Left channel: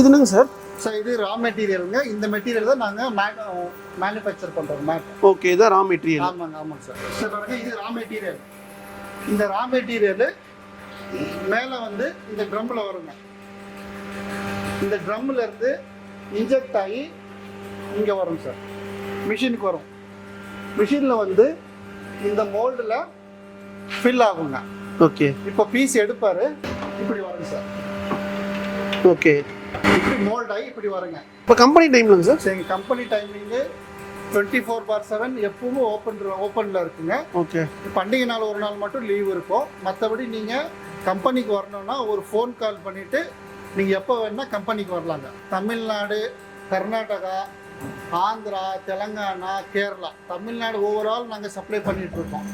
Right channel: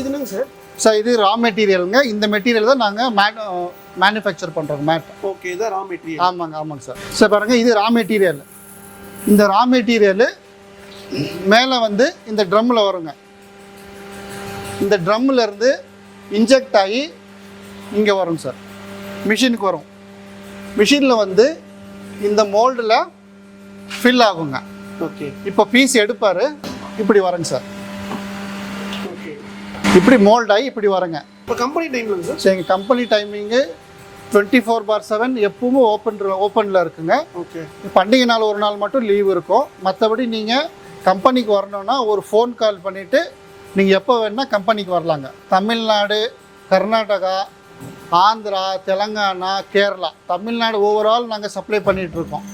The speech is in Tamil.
இது என்னங்க சார்? சார் இது ரா மெட்டீரியலுங்க. இந்த மெட்டீரியல் தான் நாங்கள் மேனுஃபேக்சர் பண்ணுறோம் மேட். ஓகே, இதான் ரா மெட்டீரியல். ஆமாங்க சார். சார் பாருங்கள், இது ரா மெட்டீரியல். இந்த ரா மெட்டீரியலு மேலே வந்து இந்த ட்ரம்மில் வருங்க. இந்த ட்ரம்மில் இருந்து இன்ஜெக்ட் ஆகி இங்கே வரும் சார், மிஷினுக்கு வரும். மிஷினில் வந்து இந்த மோல்டில் ஃபில் ஆகுங்க. ஓகே, இப்போ பீஸ் எடுப்பார், இப்படி வரங்க சார். ஓகே, இப்படி மோல்ட் ஆகி இப்படி வரங்க. இப்போ கம்பெனி டைமில் சார்? சரி, எங்கள் கம்பெனி டைமிங்கு 24/7 எப்பவும் ஓப்பனில் இருக்குங்க. ஓகே, பண்டிகை நாள் ஒரு நாள் மட்டும் லீவ் இருக்கும். மற்றபடி நீங்கள் கம்பெனிக்கு வரணுன்னா ஒரு ஃபோன் கால் பண்ணிவிட்டு நீங்கள் எப்போ வேணால் கம்பெனிக்கு வரலாங்க. தமிழ்நாடு, கர்நாடகா, ஆந்திரா, தெலங்கானா, கேரளா, தமிழ்நாடு ஓவரால் நாங்கள் சப்ளை பண்ணிகிட்ருக்கோம்.